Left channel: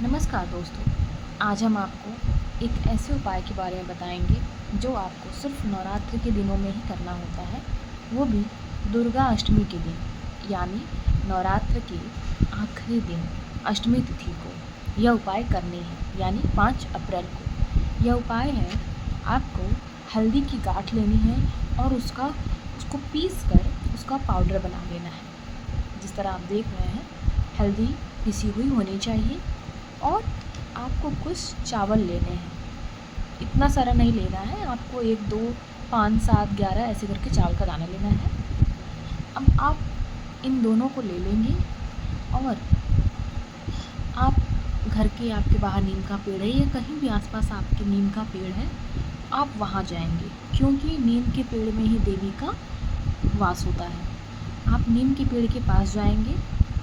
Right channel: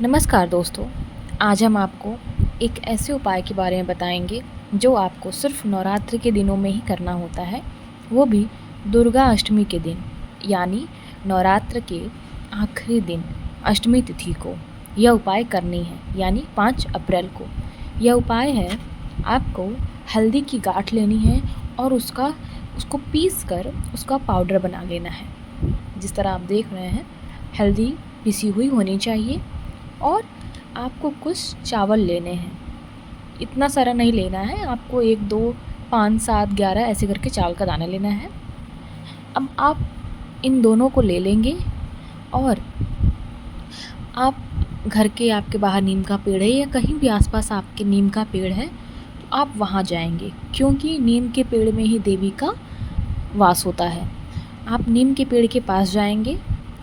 नमस्कार दोस्तों। आज हम आपको एक ऐसे उपाय के बारे में बताएंगे जो आपको सिर्फ नवरात्रि के दिनों में ही करना होता है, वो भी दुर्गा अष्टमी के दिन, यानी नवरात्र के आखिरी दिन अष्टमी तिथि को यह उपाय करनी है, यानी 5 अप्रैल को। यह उपाय है, आपको हल्दी की गांठ लेनी है और उसको पीस कर उसका पाउडर बना लेना है। जिस तरह आप देख रहे हैं, हल्दी पिसी हुई होनी चाहिए और आपको कुछ चावल लेने हैं। इतना सारा नहीं लेना है, आपको 1 2 5 7 11 ऐसे करके चावल का दाना लेना है। अब आप इन दोनों को ले लेंगे और आप घर के आपके बाहर नीम का पेड़ है या कहीं भी आसपास आपके नीम का पेड़ है तो आप वहाँ जाएंगे, क्योंकि नीम के पेड़ में ही देवी का वास होता है। आप नीम के पेड़ के पास जाएंगे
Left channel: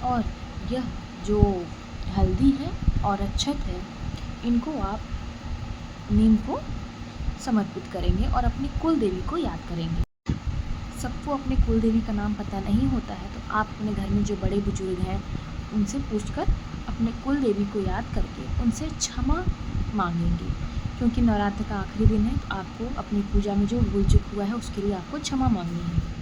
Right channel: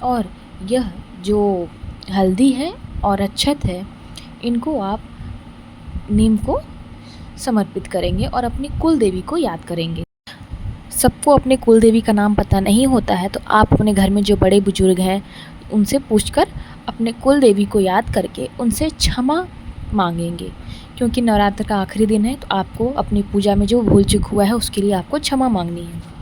और यह जो हल्दी है और अक्षत है, इनको आप नीम को समर्पित करेंगे और अपनी कुल देवी को याद करेंगे। सबको अपने कुल देवी का नाम पता नहीं होता है, तो आप अपने घर में जो बड़े बुजुर्ग हैं उनसे पूछकर अपने कुल देवी को याद करके उनसे क्षमा मांगेंगे, क्योंकि नवरात्र का आखिरी दिन है। तो आपको अपनी पूजा में जो भूल चूक हुआ है उसके लिए आपको क्षमा मांगनी है।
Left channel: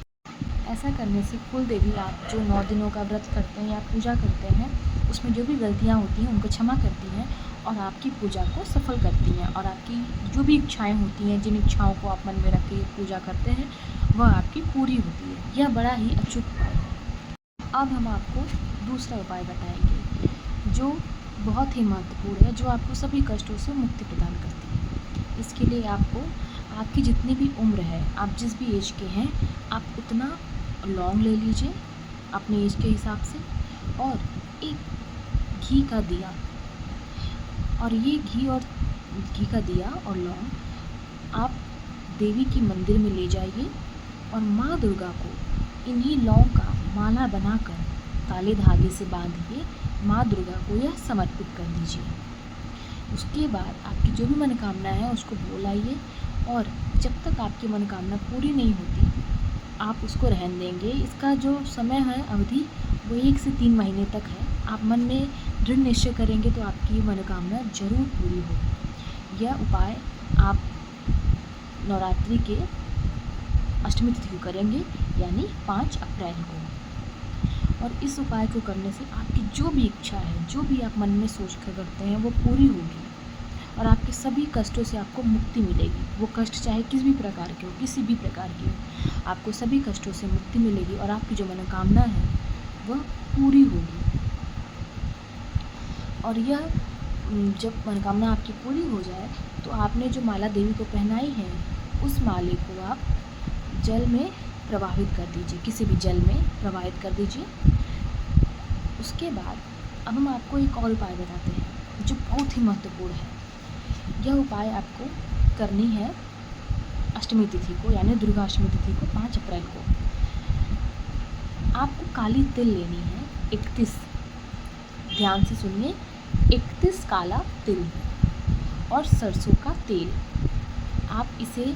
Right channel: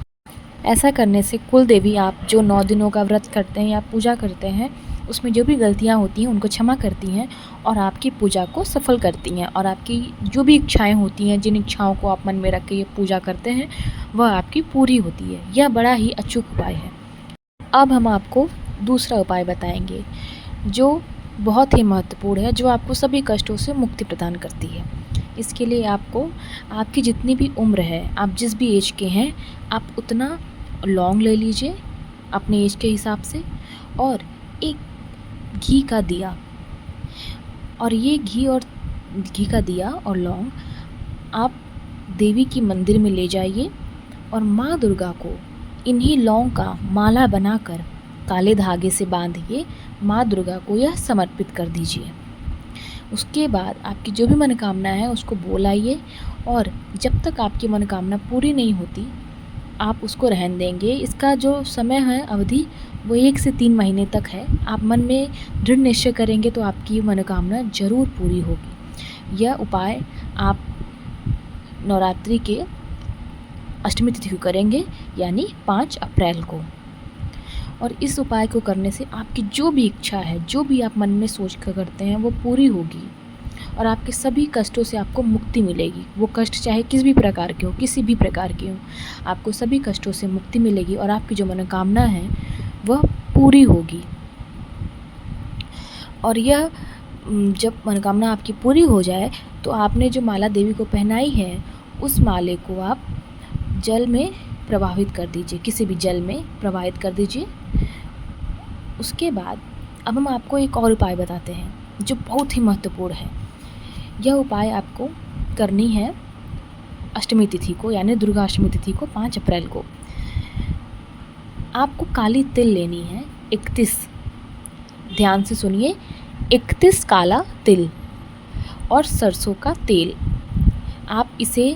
ऐसा करने से कुल देवी, आप जो 9 दिनों का व्रत करते हैं या पूजा करते हैं, उसमें जो भी गलतियाँ होती हैं उनको क्षमा करती हैं और आपकी पूजा को सफल करती हैं, और आपकी जो भी इच्छाएं होती हैं, जिन इच्छाओं को आप मन में रख के ये पूजा करते हैं, वह आपकी पूरी होती है। यह बड़ा ही अचूक उपाय है। अब हम आपको दूसरा उपाय बताएंगे जो बहुत ही महत्वपूर्ण है, जो आपको सभी कष्टों से मुक्ति प्रदान करती है। इसके लिए आपको, आपकी जितनी भी उम्र है, आप जिस भी एज के हैं, आप उतना लौंग ले लीजिए अपने एज के हिसाब से, और एक घी का दिया, और ये घी का दिया और लौंग आप देवी की मंदिर में ले जाइए और माँ दुर्गा को इन्हीं लौंग का माला बनाकर काले धागे से बांधिए। माँ दुर्गा को यह समर्पित कर दीजिए। उसके बाद आपकी जो भी मनोकामना है उसको बोलाइए, और जब तक आपकी मनोकामना पूरी नहीं होती आप उसको रहने देंगे। इसका जो समय है, अवधि, वो 1 से 3 महीने तक है। आप मन में दृढ़ निश्चय करेंगे तो आपकी मनोकामना ज़रूर पूरी होगी। यह उपाय आप नवरात्रि के अष्टमी तिथि को करेंगे, यानी 5 अप्रैल को। और इस उपाय को करने से आपकी जो भी इच्छा है, जो भी आप मन में सोच कर करते हैं, वो पूरी होगी और आपके सभी कष्टों से आपको मुक्ति मिलेगी। वो कष्ट चाहे किसी भी प्रकार के हो, किसी भी प्रकार के हो, आपको सभी कष्टों से मुक्ति मिलेगी और आपकी जो मनोकामना है वह पूरी होगी। और यह जब मनोकामना आपकी पूरी हो जाए तो आपने जो माला देवी को पहनाई है, उस माले को आप जल में प्रवाहित कर दीजिए, किसी भी जल में प्रवाहित कर दीजिए। उसके बाद अब हम आपको एक और उपाय बताते हैं जो बहुत ही महत्वपूर्ण है। यह उपाय आपको करनी है अष्टमी तिथि को, यानी दुर्गा अष्टमी तिथि को, 5 अप्रैल को। आपको काली तिल लेनी है, 31, ध्यान से सुनिए, 31 काला तिल और सरसों का तेल। आप इसे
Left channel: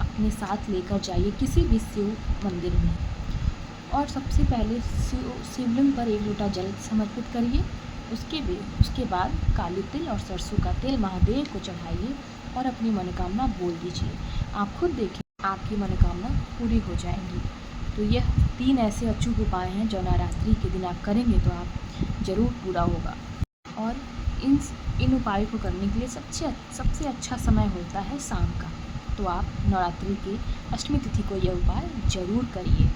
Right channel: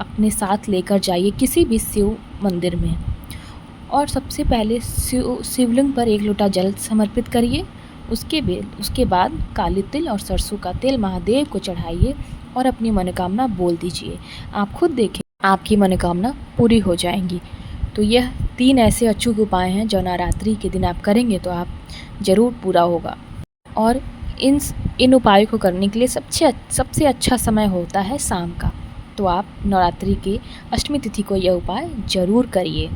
अपने साथ लेकर जाइए किसी भी शिव मंदिर में, और सबसे पहले शिवलिंग पर 1 लोटा जल समर्पित करिए। उसके बाद काली तिल और सरसों का तेल महादेव को चढ़ाइए और अपनी मनोकामना बोल दीजिए। आप खुद देखें, आपकी मनोकामना पूरी हो जाएंगी। तो यह 3 ऐसे अचूक उपाय हैं जो नवरात्रि के दिन आप करेंगे तो आप ज़रूर पूरा होगा। और इन उपायों को करने के लिए सबसे अच्छा समय होता है शाम का। तो आप नवरात्रि के अष्टमी तिथि को यह उपाय ज़रूर करिए।